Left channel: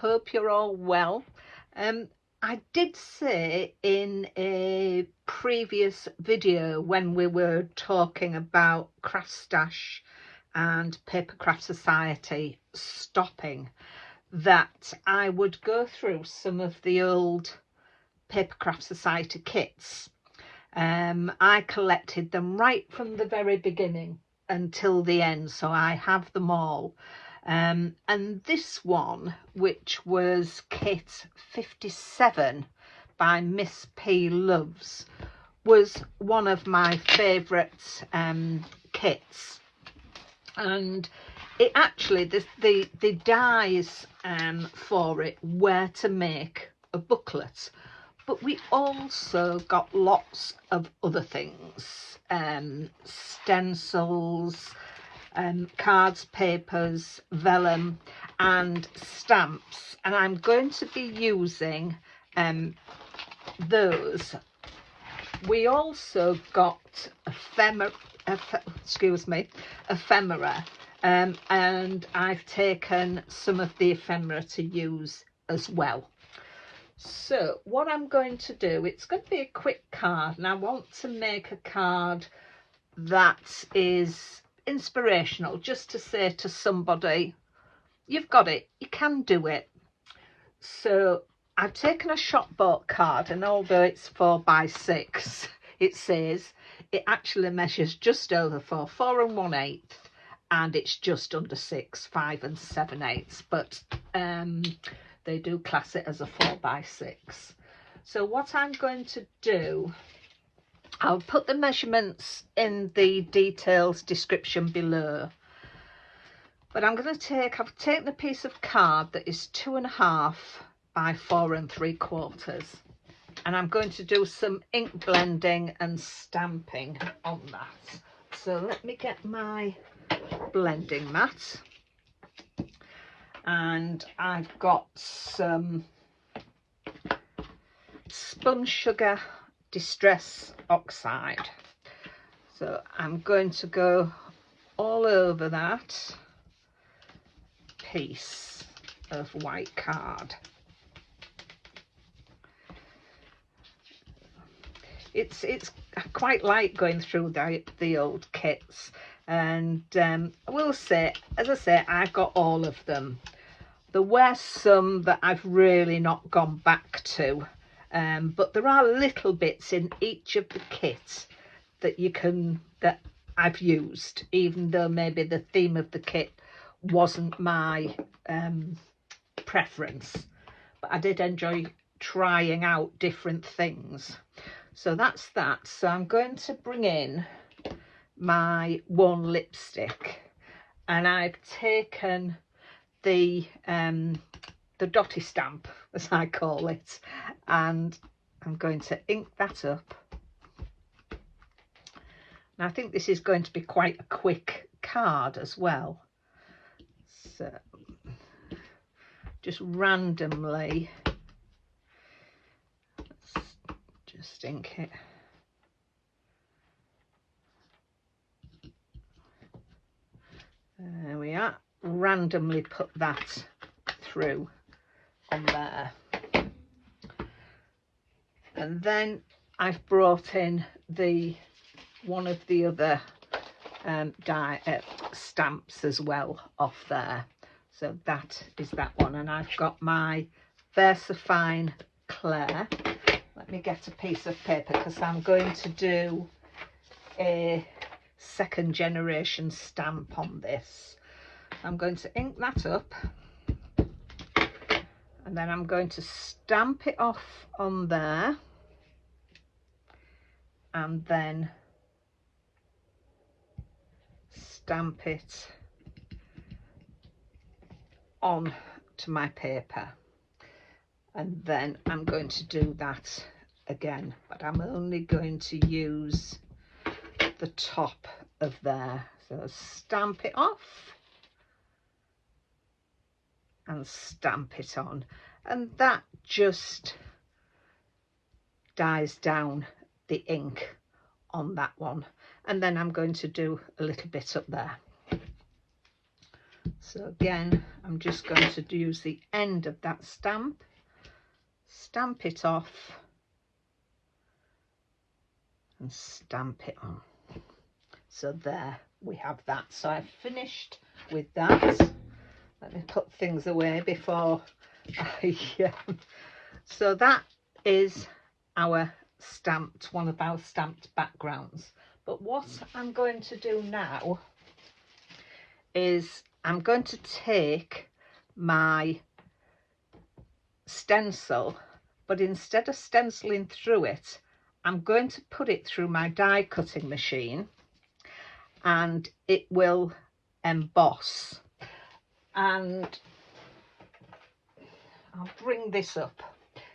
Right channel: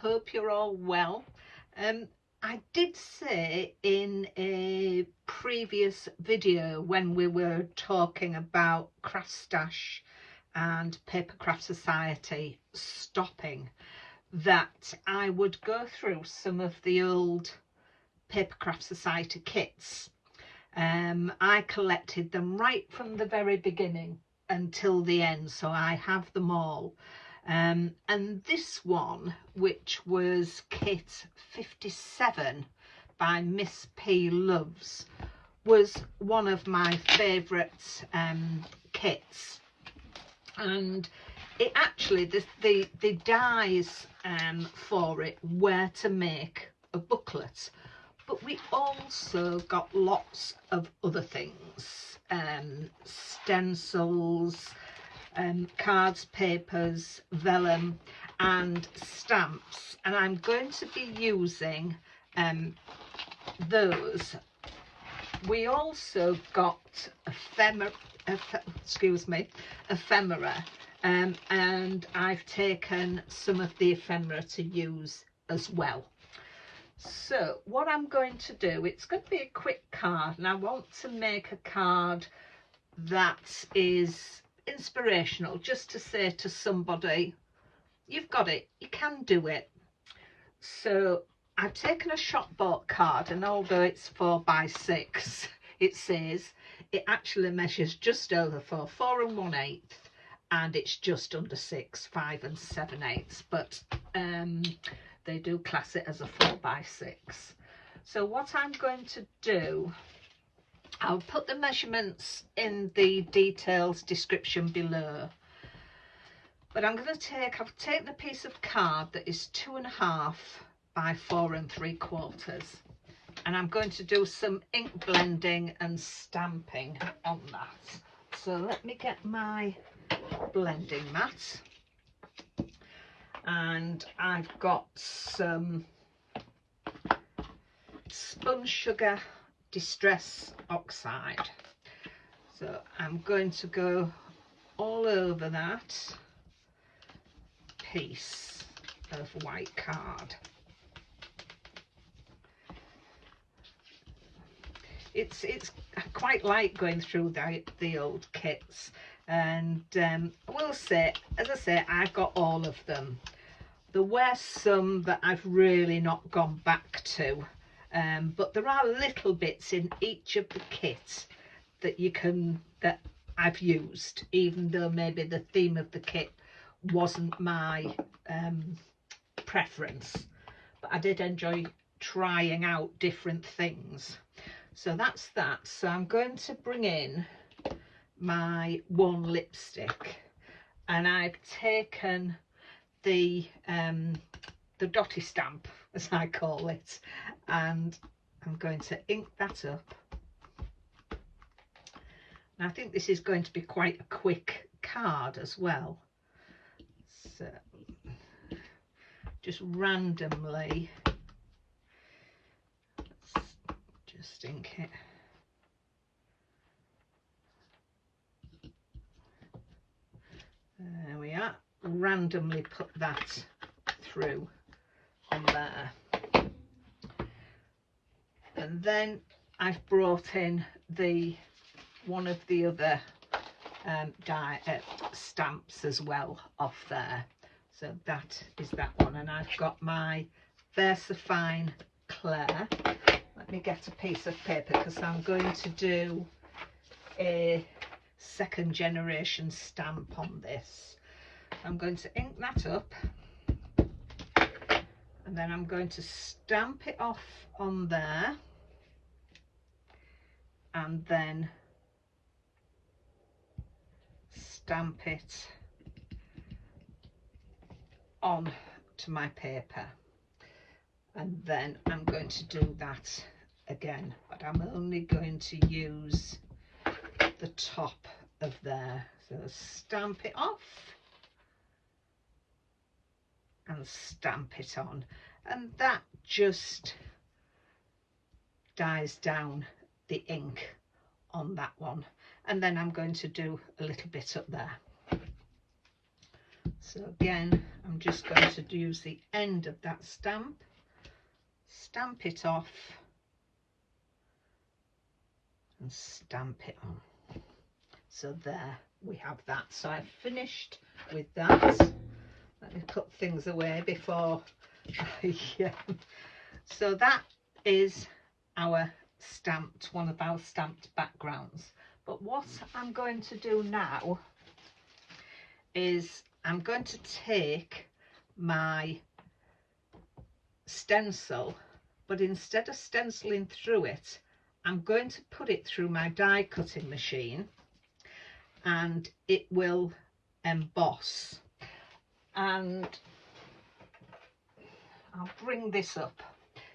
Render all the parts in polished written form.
hope you're all well. I did say in a previous video when we were talking about Craft Stash and Papercraft Society stopping that I would go through some of the old Papercraft Society kits. I collected them right from the very beginning until the end, so I have them all. And this one, which was kit 57 by Miss P Loves, was one of my favourite kits. And it actually, the dies for it were to make a booklet, but we also got lots of other things, stencils, cards, papers, vellum and stamps, and I'm going to be using those. We also got ephemera, and I've taken some of the ephemera to use as well. So what I'm going to do, it's going to be a quick card, and I want to make a card that is inspirational, just to say to somebody, you've got it, you can do it. So I've taken a shop bought card, and although it's 4 by 6, it says it actually measures just over 4 1/8, and it's just under 6 5 7/8, but they do class it as a 4 by 6. So what I'm going to do, I'll put the measurements in the details description below, but I'm going to I've taken a piece of card that is 2.5 by 4 3/4, and I'm going to do some ink blending and stamping on that. So let me get my blending mat, and I've got some Spun Sugar Distress Oxide, so I'm going to go all over that piece of white card. It's I quite like going through the old kits, and I will say, as I say, I've got all of them. There were some that I've really not gone back to, but there are little bits in each of the kits that I've used, even though maybe the theme of the kit wasn't my preference, but I did enjoy trying out different things. So that's that. So I'm going to bring in my one lipstick, and I've taken the dotty stamp, as I call it, and I'm going to ink that up. And I think this is going to be quite a quick card as well. So just randomly, let's just ink it. There we are. Randomly put that through on there, and then I've brought in one of the other stamps as well off there. So that is that one, and I've got my VersaFine Claire. Let me get a piece of paper, because I'm going to do a 2nd generation stamp on this. I'm going to ink that up, and then I'm going to stamp it off on there, and then stamp it on to my paper, and then I'm going to do that again, but I'm only going to use the top of there. So stamp it off and stamp it on, and that just dies down the ink on that one. And then I'm going to do a little bit up there. So again, I'm just going to use the end of that stamp, stamp it off and stamp it on. So there we have that. So I've finished with that. Let me put things away before So that is our stamped, one of our stamped backgrounds. But what I'm going to do now is I'm going to take my stencil, but instead of stenciling through it, I'm going to put it through my die cutting machine and it will emboss. And I'll bring this up.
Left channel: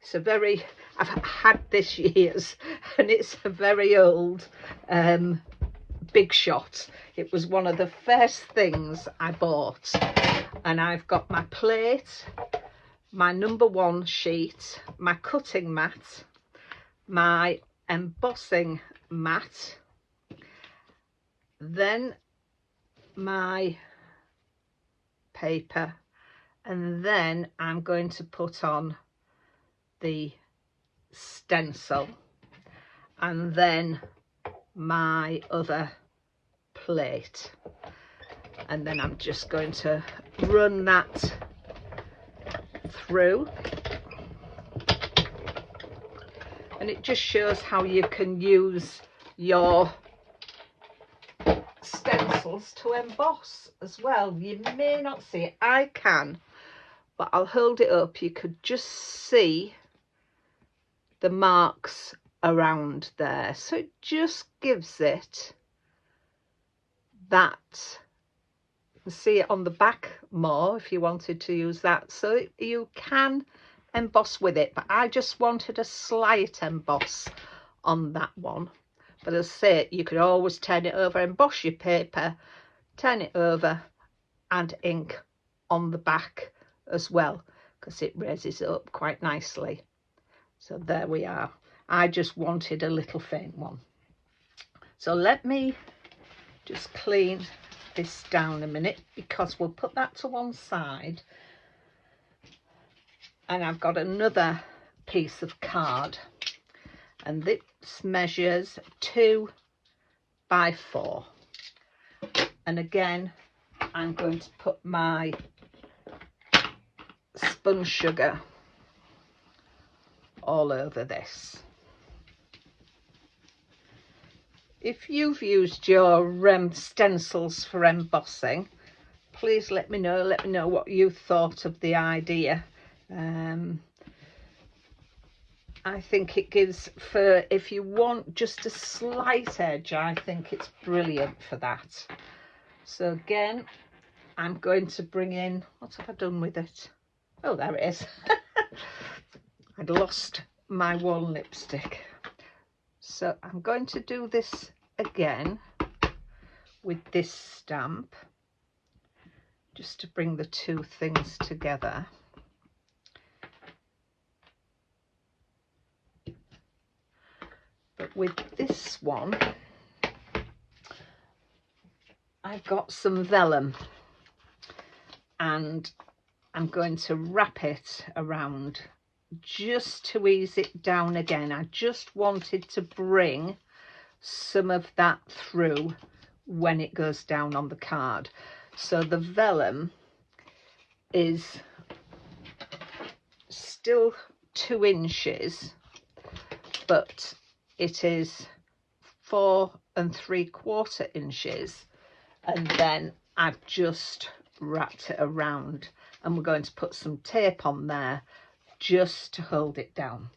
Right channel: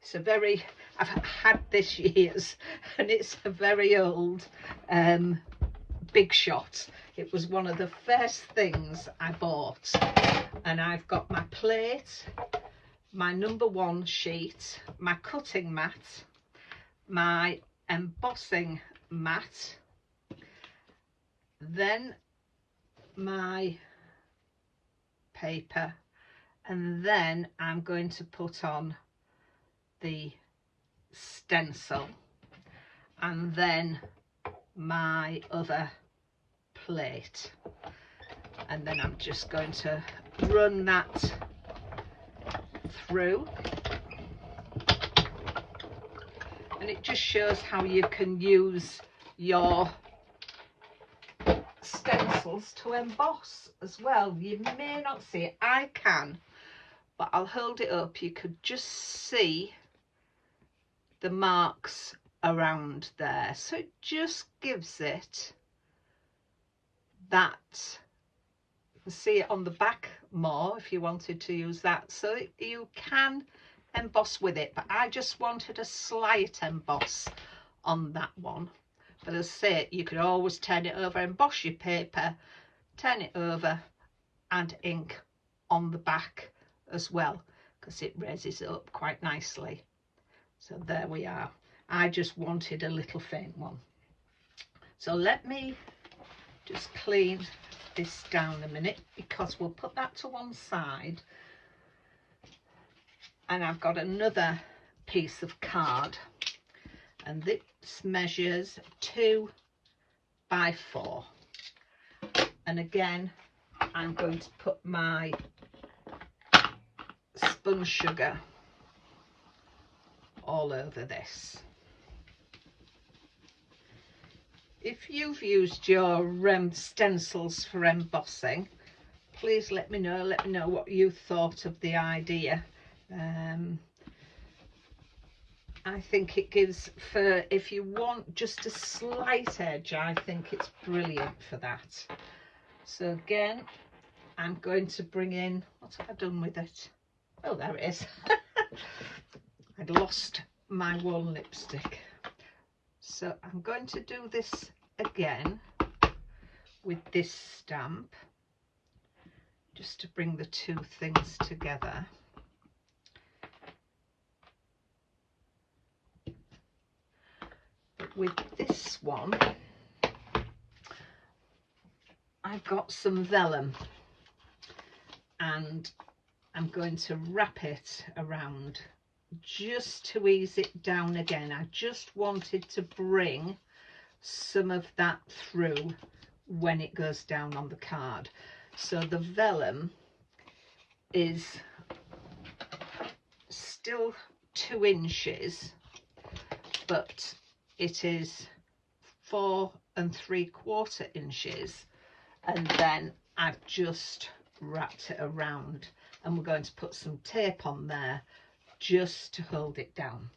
It's a very, I've had this years and it's a very old Big Shot. It was one of the first things I bought, and I've got my plate, my #1 sheet, my cutting mat, my embossing mat, then my paper, and then I'm going to put on the stencil, and then my other plate, and then I'm just going to run that through, and it just shows how you can use your stencils to emboss as well. You may not see it, I can, but I'll hold it up. You could just see the marks around there, so it just gives it that. You can see it on the back more if you wanted to use that, so you can emboss with it, but I just wanted a slight emboss on that one. But as I say, you could always turn it over, emboss your paper, turn it over, and ink on the back as well, because it raises it up quite nicely. So there we are. I just wanted a little faint one. So let me just clean this down a minute, because we'll put that to one side, and I've got another piece of card, and this measures 2 by 4, and again I'm going to put my spun sugar all over this. If you've used your stencils for embossing, please let me know what you thought of the idea. I think it gives, for if you want just a slight edge, I think it's brilliant for that. So again, I'm going to bring in, what have I done with it? Oh, there it is. I'd lost my wall lipstick. So I'm going to do this again with this stamp, just to bring the two things together. But with this one, I've got some vellum, and I'm going to wrap it around just to ease it down again. I just wanted to bring some of that through when it goes down on the card. So the vellum is still 2 inches, but it is 4 3/4 inches, and then I've just wrapped it around, and we're going to put some tape on there just to hold it down.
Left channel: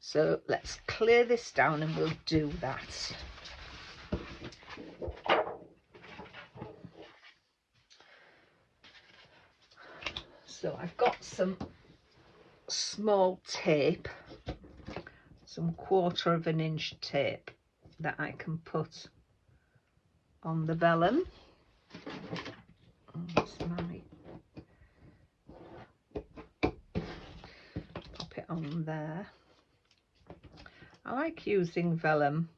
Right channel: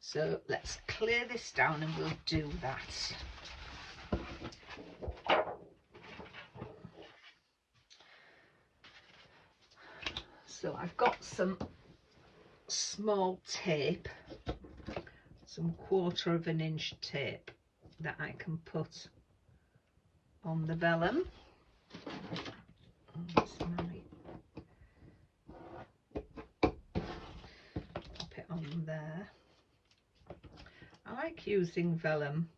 So let's clear this down and we'll do that. So I've got some small tape, some 1/4 inch tape that I can put on the vellum. Pop it on there. I like using vellum,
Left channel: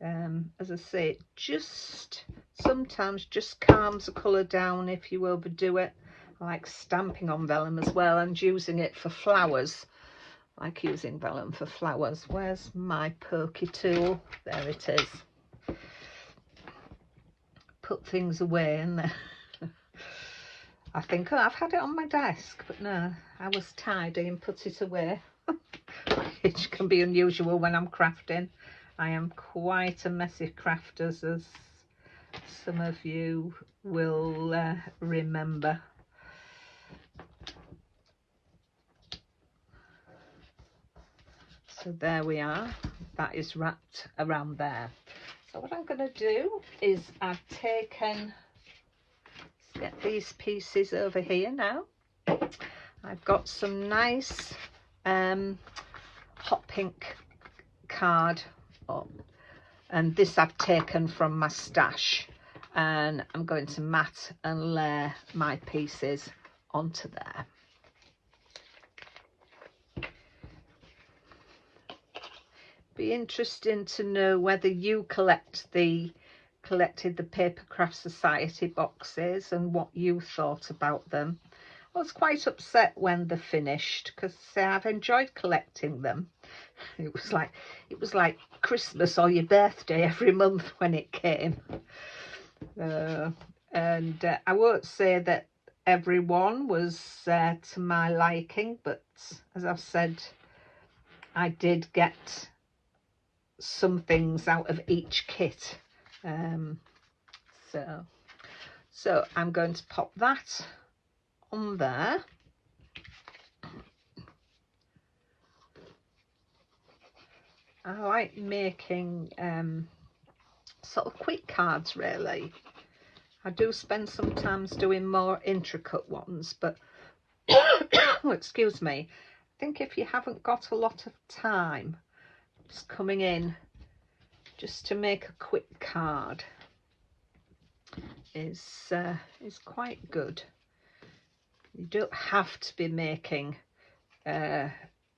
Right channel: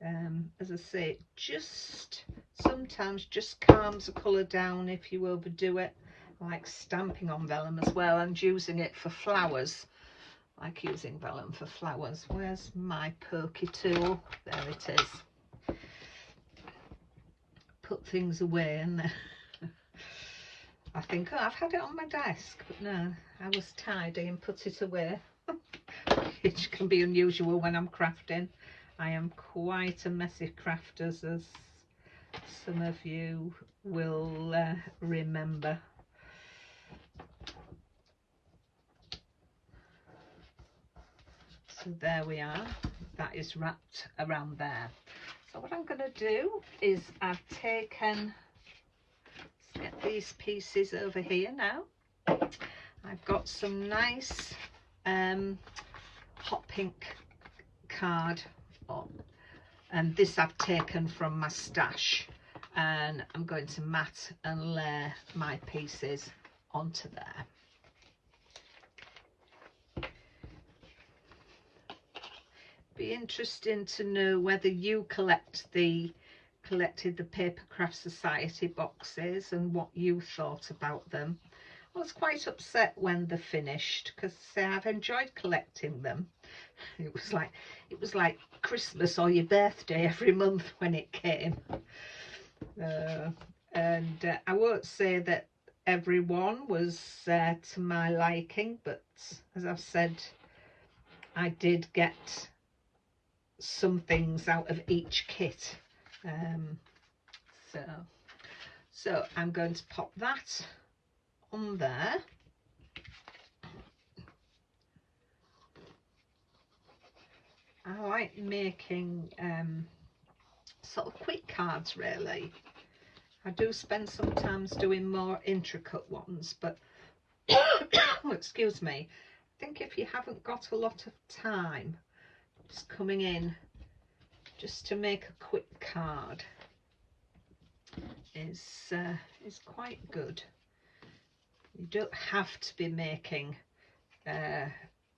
as I say, it just sometimes just calms the colour down if you overdo it. I like stamping on vellum as well and using it for flowers. I like using vellum for flowers. Where's my pokey tool? There it is. Put things away in there. I think, oh, I've had it on my desk, but no, I was tidy and put it away. Which can be unusual when I'm crafting. I am quite a messy crafter, as some of you will remember. So there we are, that is wrapped around there. So what I'm going to do is I've taken, let's get these pieces over here now. I've got some nice hot pink card, and this I've taken from my stash, and I'm going to mat and layer my pieces onto there. Be interesting to know whether you collected the Papercraft Society boxes and what you thought about them. I was quite upset when they're finished because I've enjoyed collecting them. It was like Christmas or your birthday every month when it came. And I won't say that everyone was to my liking, but as I've said, I did get some things out of each kit. So I'm going to pop that on there. I like making sort of quick cards really. I do spend sometimes doing more intricate ones, but oh, excuse me, I think if you haven't got a lot of time, just coming in just to make a quick card is quite good. You don't have to be making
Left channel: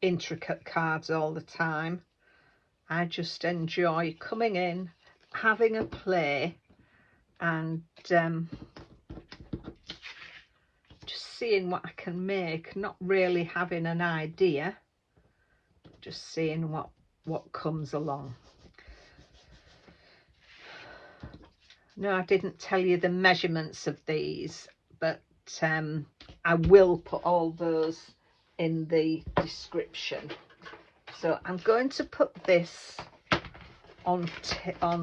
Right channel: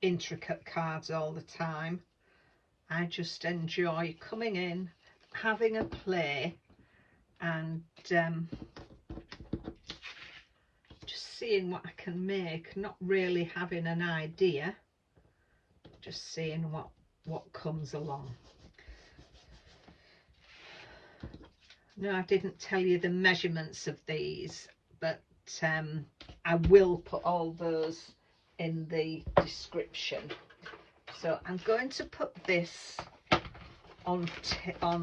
intricate cards all the time. I just enjoy coming in, having a play, and just seeing what I can make, not really having an idea, just seeing what comes along. No, I didn't tell you the measurements of these, but I will put all those in the description. So I'm going to put this on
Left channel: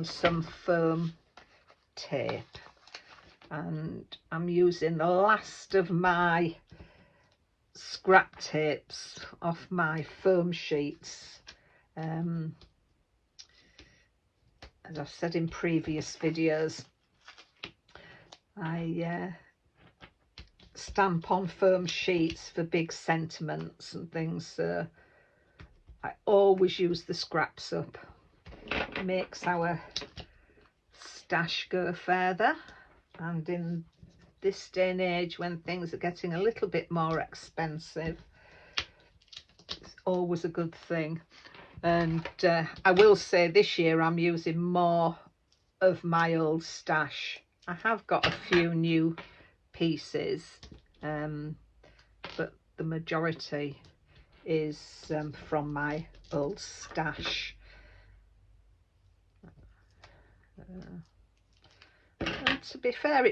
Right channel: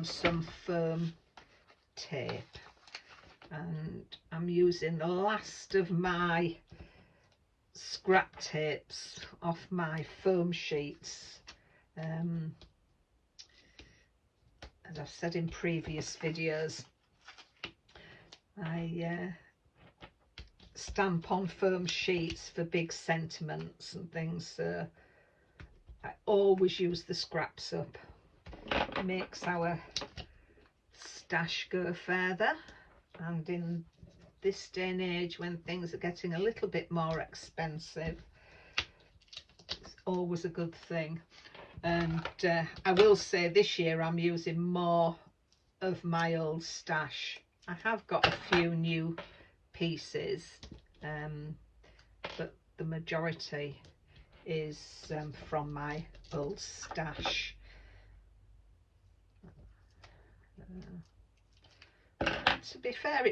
some foam tape, and I'm using the last of my scrap tapes off my foam sheets. As I've said in previous videos, I stamp on foam sheets for big sentiments and things, so I always use the scraps up. It makes our stash go further, and in this day and age when things are getting a little bit more expensive, it's always a good thing. And I will say this year I'm using more of my old stash. I have got a few new pieces, but the majority is from my old stash. To be fair,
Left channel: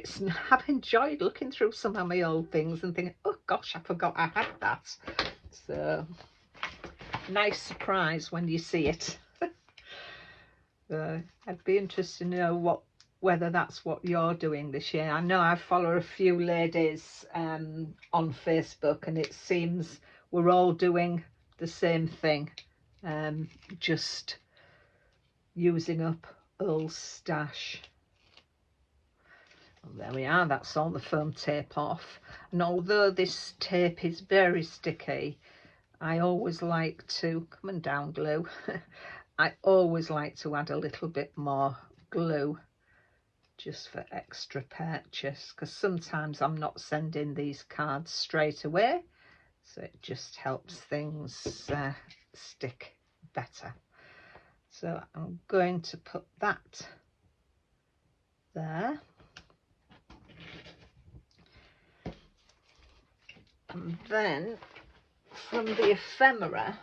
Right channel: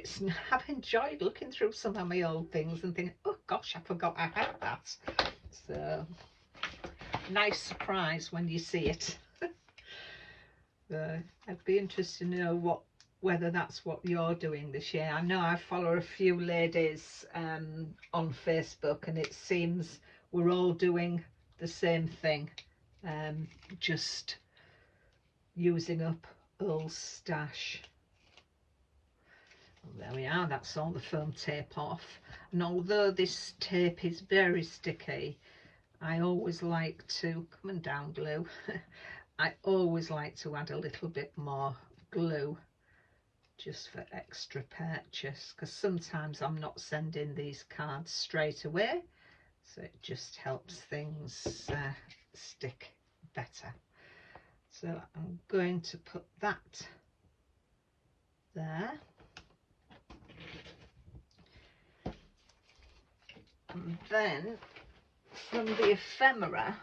I've enjoyed looking through some of my old things and thinking, oh gosh, I forgot I had that. So nice surprise when you see it. I'd be interested to know whether that's what you're doing this year. I know I follow a few ladies on Facebook, and it seems we're all doing the same thing, just using up old stash. Well, there we are, that's all the foam tape off. And although this tape is very sticky, I always like to, come and down glue, I always like to add a little bit more glue just for extra purchase, because sometimes I'm not sending these cards straight away, so it just helps things stick better. So I'm going to put that there. And then from the ephemera,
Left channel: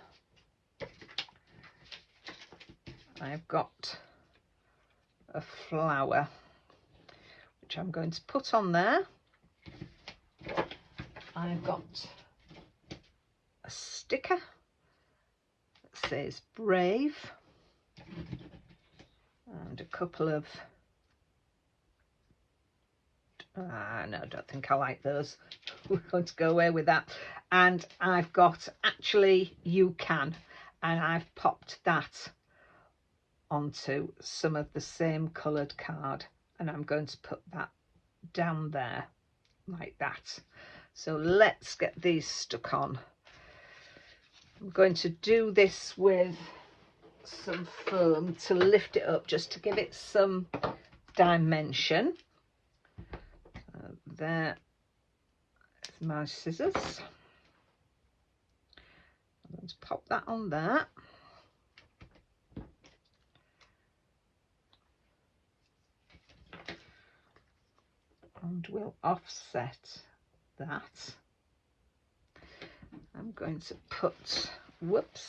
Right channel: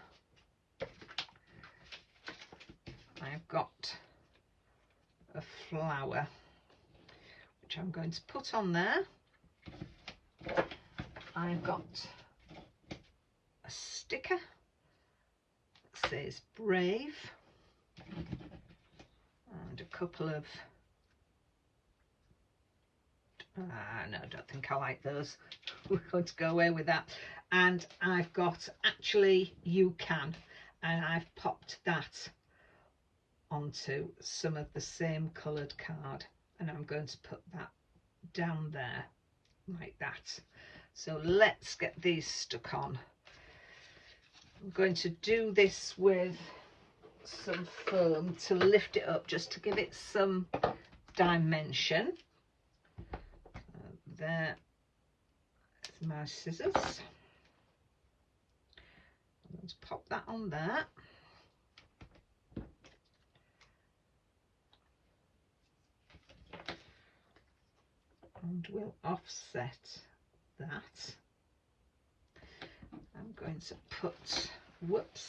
I've got a flower which I'm going to put on there. I've got a sticker that says brave and a couple of no, I don't think I like those. We're going to go away with that. And I've got actually you can, and I've popped that onto some of the same coloured card, and I'm going to put that down there like that. So let's get these stuck on. I'm going to do this with some foam to lift it up, just to give it some dimension. There is my scissors. I'm going to pop that on there. And we'll offset that. I'm going to put, whoops,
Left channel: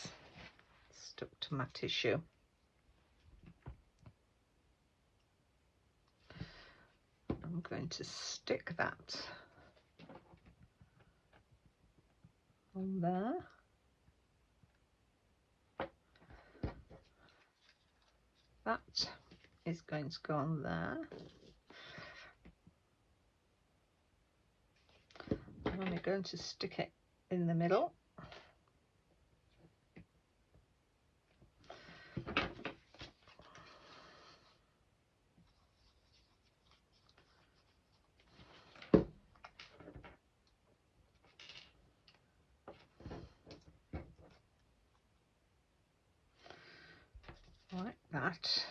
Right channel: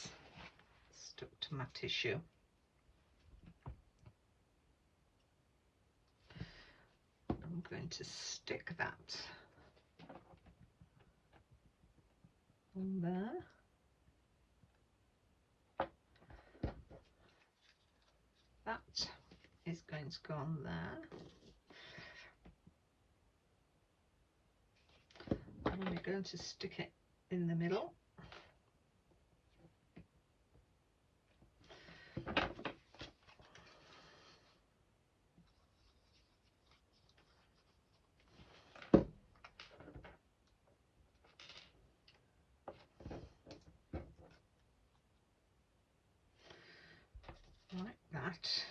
stuck to my tissue. I'm going to stick that on there. That is going to go on there. And I'm going to stick it in the middle. Like that.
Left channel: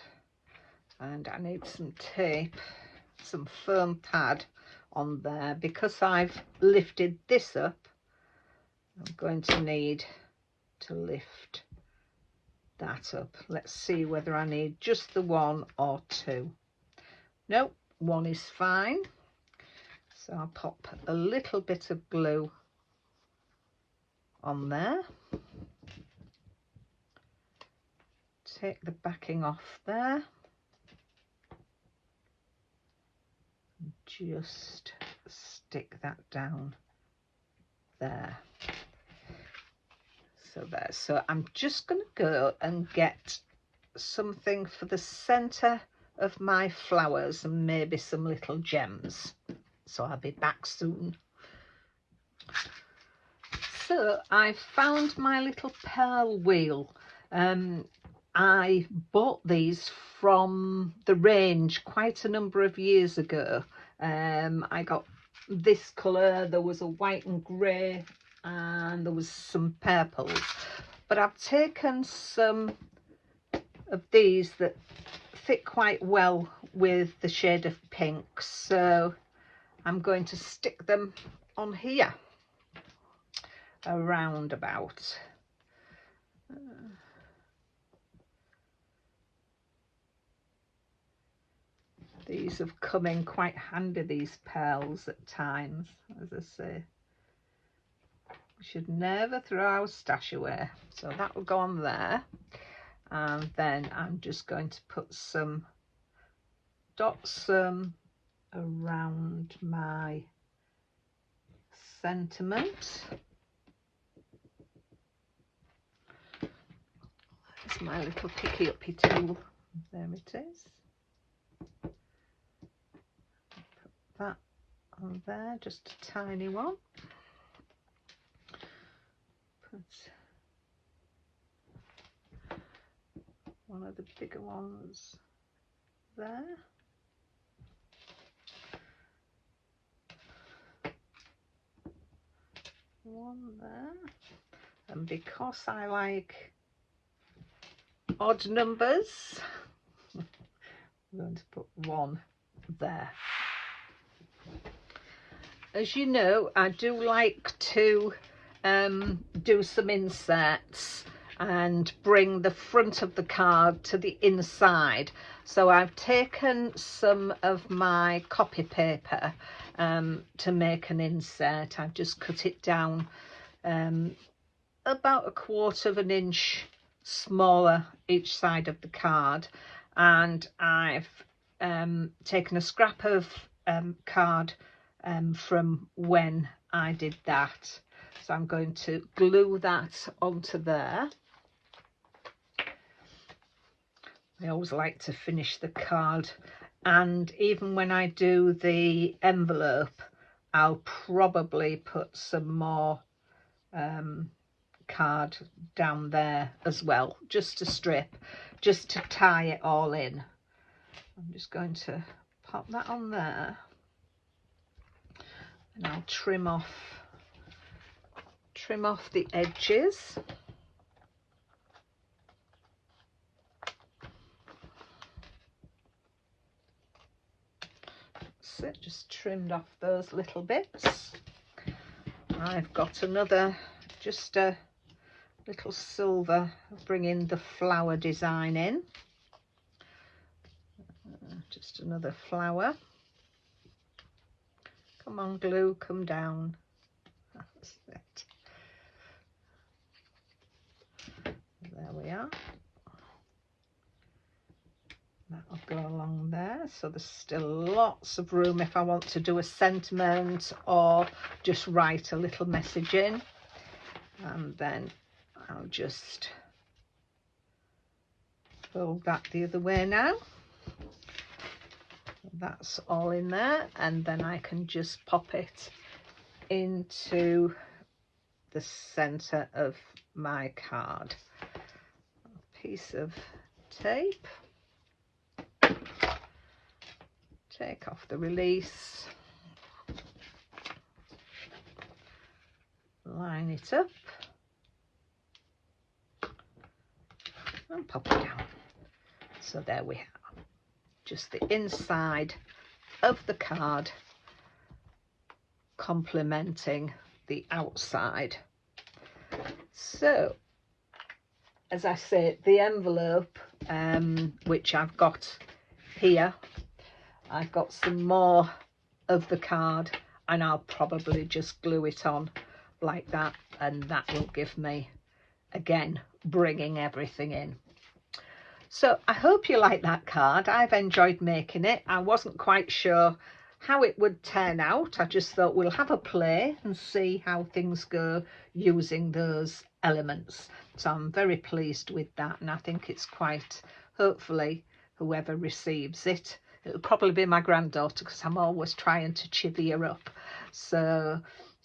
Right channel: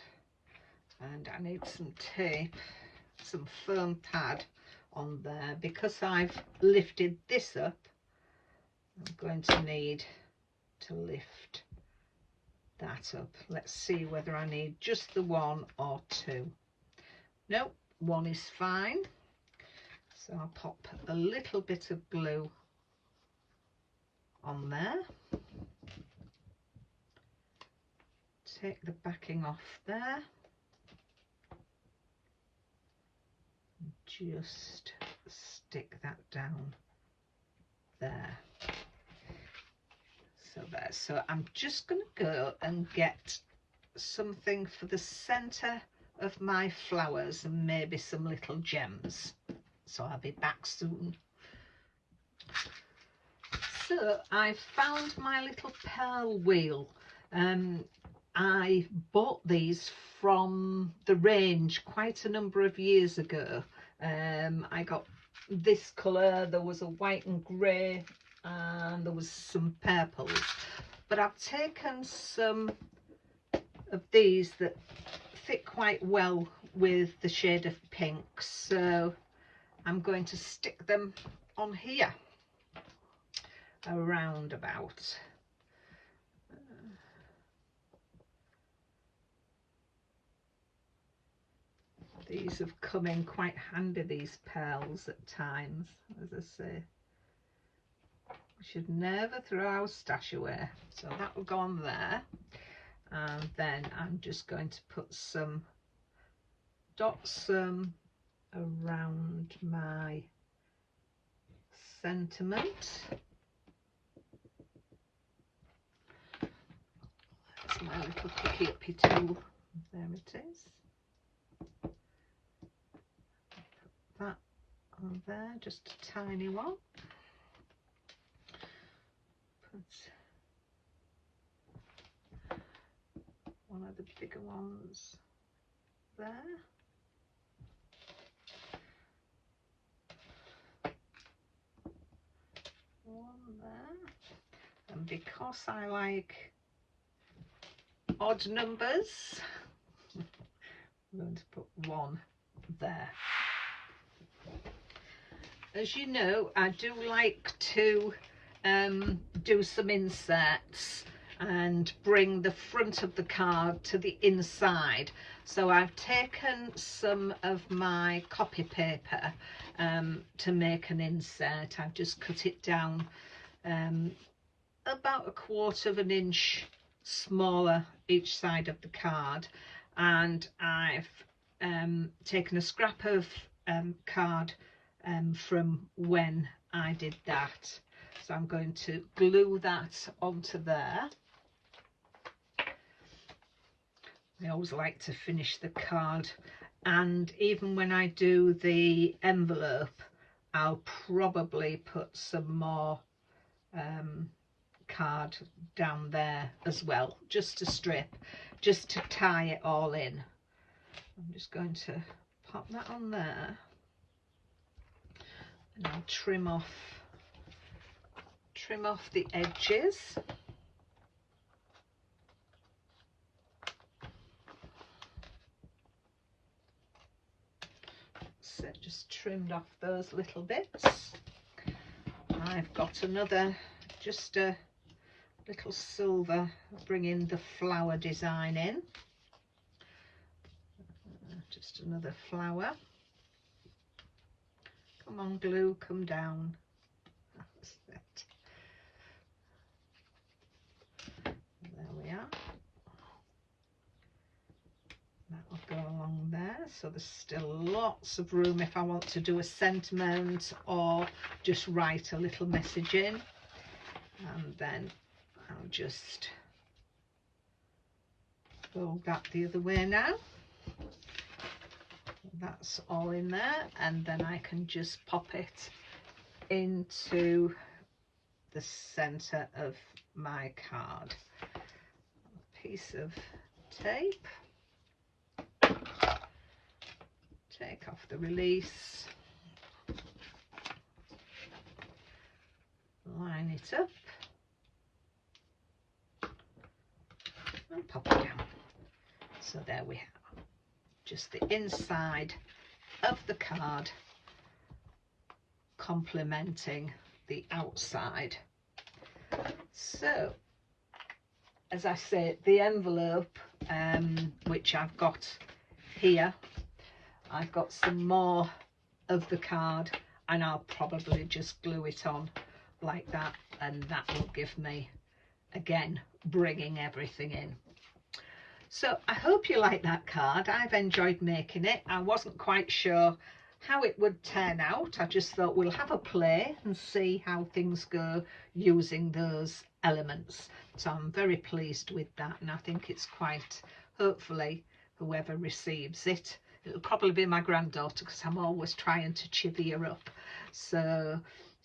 And I need some tape, some foam pad on there, because I've lifted this up. I'm going to need to lift that up. Let's see whether I need just the one or two. Nope, one is fine. So I'll pop a little bit of glue on there. Take the backing off there. Just stick that down there. So there. So I'm just going to go and get something for the centre of my flowers and maybe some little gems. So I'll be back soon. So I found my little pearl wheel. I bought these from the range quite a number of years ago. I got this colour, there was a white and grey, and there was some purples. But I've taken some of these that fit quite well with the shade of pink, so I'm going to stick them on here around about. These have come in quite handy, these pearls, at times. As I say, we should never throw our stash away. So that will go on there, and then I'm just going to put some dots around my sentiment. That's my little picky uppy tool. There it is. That on there, just a tiny one. Put one of the bigger ones there. One there. And because I like odd numbers, I'm going to put one there. As you know, I do like to do some inserts and bring the front of the card to the inside. So I've taken some of my copy paper to make an insert. I've just cut it down about 1/4 of an inch smaller each side of the card, and I've taken a scrap of card from when I did that, so I'm going to glue that onto there. I always like to finish the card, and even when I do the envelope I'll probably put some more card down there as well, just to strip, just to tie it all in. I'm just going to pop that on there, and I'll trim off the edges. So just trimmed off those little bits. I've got another, just a little silver, bringing the flower design in. Just another flower. Come on, glue, come down. That's it. There we are. That'll go along there, so there's still lots of room if I want to do a sentiment or just write a little message in. And then I'll just fold that the other way now. That's all in there, and then I can just pop it into the center of my card. A piece of tape. Take off the release, line it up and pop it down. So there we have just the inside of the card complementing the outside. So as I say, the envelope which I've got here, I've got some more of the card, and I'll probably just glue it on like that, and that will give me, again, bringing everything in. So I hope you like that card. I've enjoyed making it. I wasn't quite sure how it would turn out. I just thought we'll have a play and see how things go using those elements. So I'm very pleased with that, and I think it's quite, hopefully whoever receives it, it'll probably be my granddaughter, because I'm always trying to chivvy her up. So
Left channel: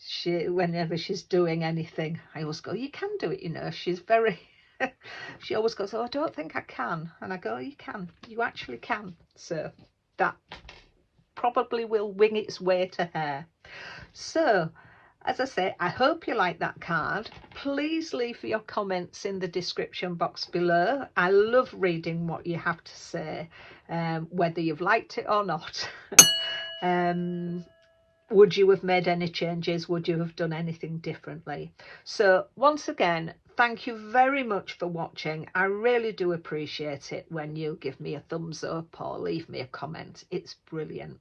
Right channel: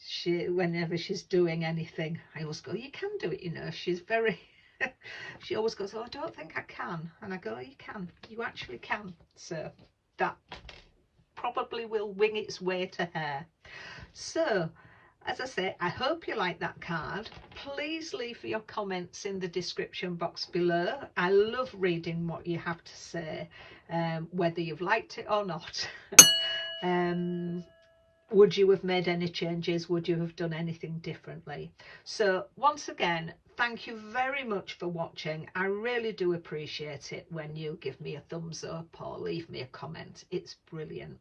she, whenever she's doing anything, I always go, you can do it, you know. She's very, she always goes, oh, I don't think I can. And I go, you can, you actually can. So that probably will wing its way to her. So as I say, I hope you like that card. Please leave your comments in the description box below. I love reading what you have to say, whether you've liked it or not. Would you have made any changes? Would you have done anything differently? So once again, thank you very much for watching. I really do appreciate it when you give me a thumbs up or leave me a comment. It's brilliant.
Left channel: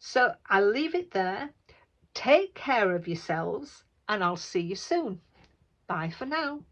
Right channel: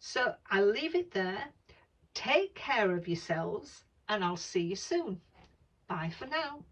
So I'll leave it there. Take care of yourselves, and I'll see you soon. Bye for now.